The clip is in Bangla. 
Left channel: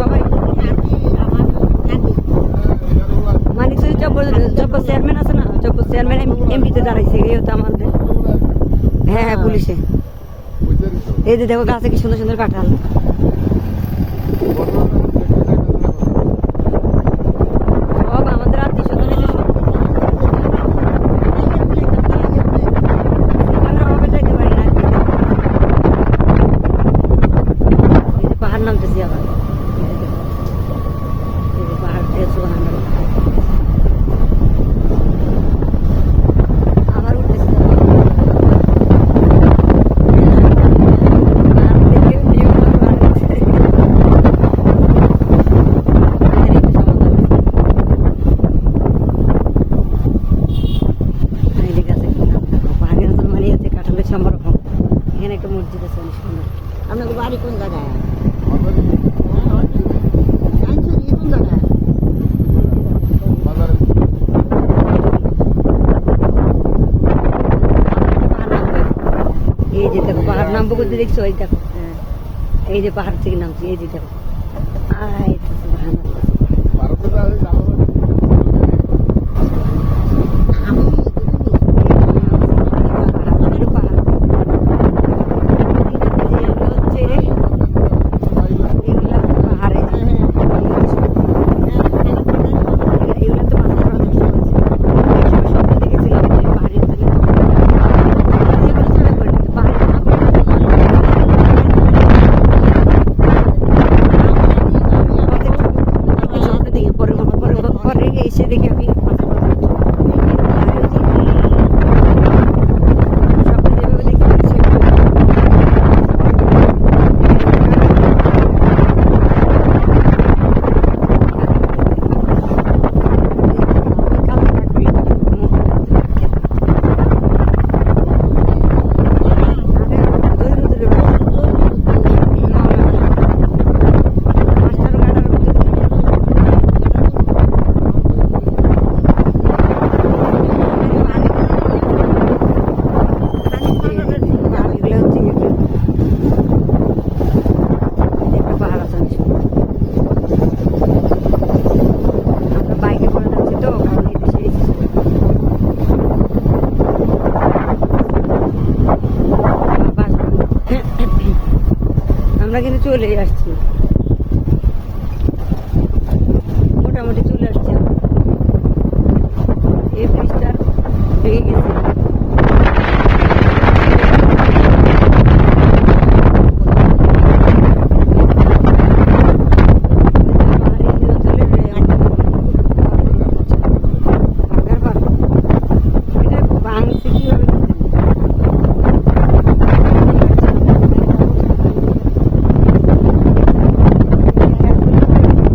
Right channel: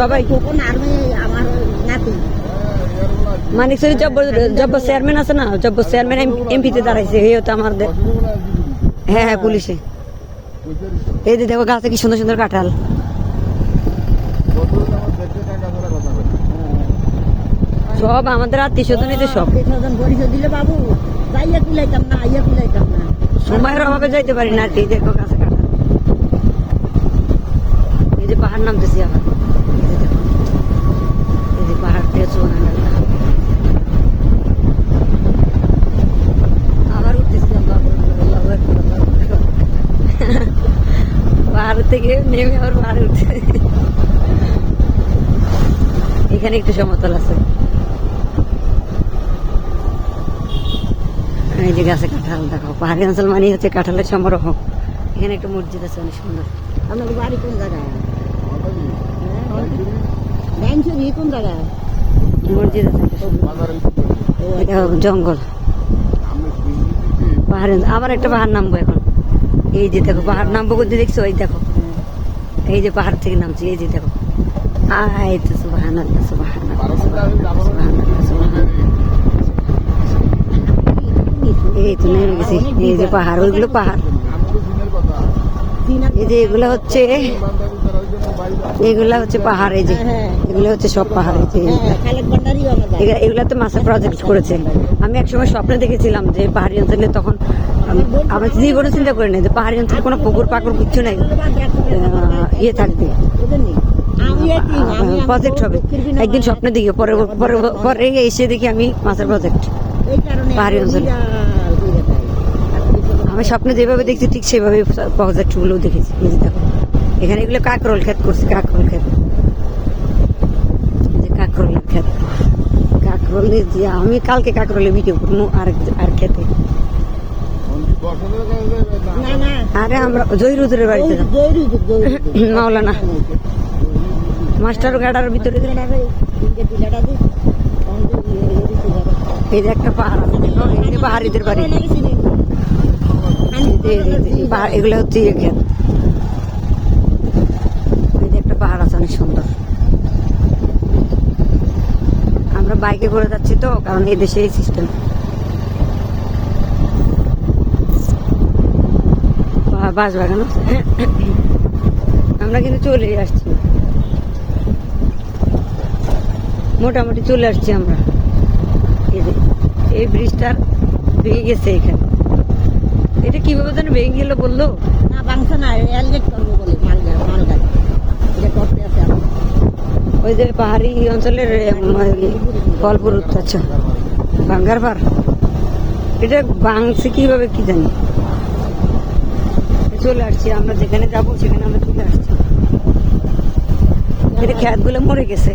সবাই মানিকচুরি জব্বর চেয়ারম্যান আছে না, জব্বর চেয়ারম্যান এমপিতে দাঁড়াইছে, এই হতো আমাদের। হ্যাঁ হ্যাঁ পুলিশে। এই যে দেখো গাছে কি সুন্দর সুন্দর কাঁঠাল। সব আমাদের আত্মীয় স্বজন, সব সময়ের অভাবে যাইতে পারি না। এই দেখো এই যে পাহাড় নামতেছি আবার, এই যে দেখো এই যে পাহাড় থেকে সুবহানাল্লাহ আবার উঠতেছি। পাহাড় থেকে নেমে আবার পাহাড়ে উঠছে। এখানে একটু সমতল আছে। এই যে গাছে কাঁঠাল দেখো, পাহাড়ি অঞ্চল মানে হচ্ছে কাঁঠালের সমারোহ। এখানে একটা মসজিদ আছে অনেক সুন্দর। আপনাদের বাড়ি কোন জায়গায়? কোন জায়গায় মসজিদ আছে? জঙ্গল পাহাড়ে। আবার একটা পাহাড় নামবো এখন। এই যে দেখো পাহাড় নামবো করতে দেখছো, এই দেখো এই যে পাহাড় থেকে নামছি, এই যে দেখো। এই তো সুবহানাল্লাহ সুবহানাল্লাহ এই যে নেমে গেছি। এই যে পাহাড়, ওইগুলো পাহাড়। এই যে এগুলো হচ্ছে পাহাড়। এই যে এগুলো হচ্ছে সব পাহাড়। এগুলা তো মাছের প্রজেক্ট করেছে। আমি একসময় স্বপ্নে দেখেছিলাম যে পাহাড়ি অঞ্চলে, তখন আমরা জীবনে চিন্তা করি না যে পাহাড়ি অঞ্চলে কোনো পুকুর পাকুর কিছু নেই, ইয়ে থাকবে, প্রজেক্ট হবে। একদিন স্বপ্নে দেখি, পরে এসে দেখি আমি মাছের প্রজেক্ট পাহাড়ি অঞ্চল। আমি স্বপ্নে যেভাবে দেখছি ঠিক সেভাবে প্রজেক্টগুলো দেখেছি। এখানে এগুলো কাঁকরোল খেত করছে, কাঁকরোল খেত। আমি কালকে কাঁকরোলে ভিডিও করবো আর খেতে। আরে আমরা জয়রুদ্রের বাড়িতে মাওলানা মাস্টার গাড়ার ভিতরে। এই যে একটা পাহাড় দিতে পারি। এগুলো হচ্ছে ইয়ে ক্ষেত। একটা পাহাড় আছে অনেক সুন্দর। আমরা বাইকে করে যাচ্ছি তো, কারণ এই দেশে এই সিস্টেম। বাস বাগান আমরা কিন্তু চলে আসছি, মোটামুটি চলে আসছি আমরা। এই ব্রিজটার ভেঙে গেছে এখানে। কিভাবে ভেঙে গেলো বলতো? ওই যে পাহাড়ি অঞ্চলের গল্পর আচ্ছা ভাঙ্গার পার, এটা ভাঙছে কিভাবে কি জানি। চলে আসছি আমরা, যেখানে যাবো সেখানে আমরা চলে আসছি। খেতগুলো মরে গেছে।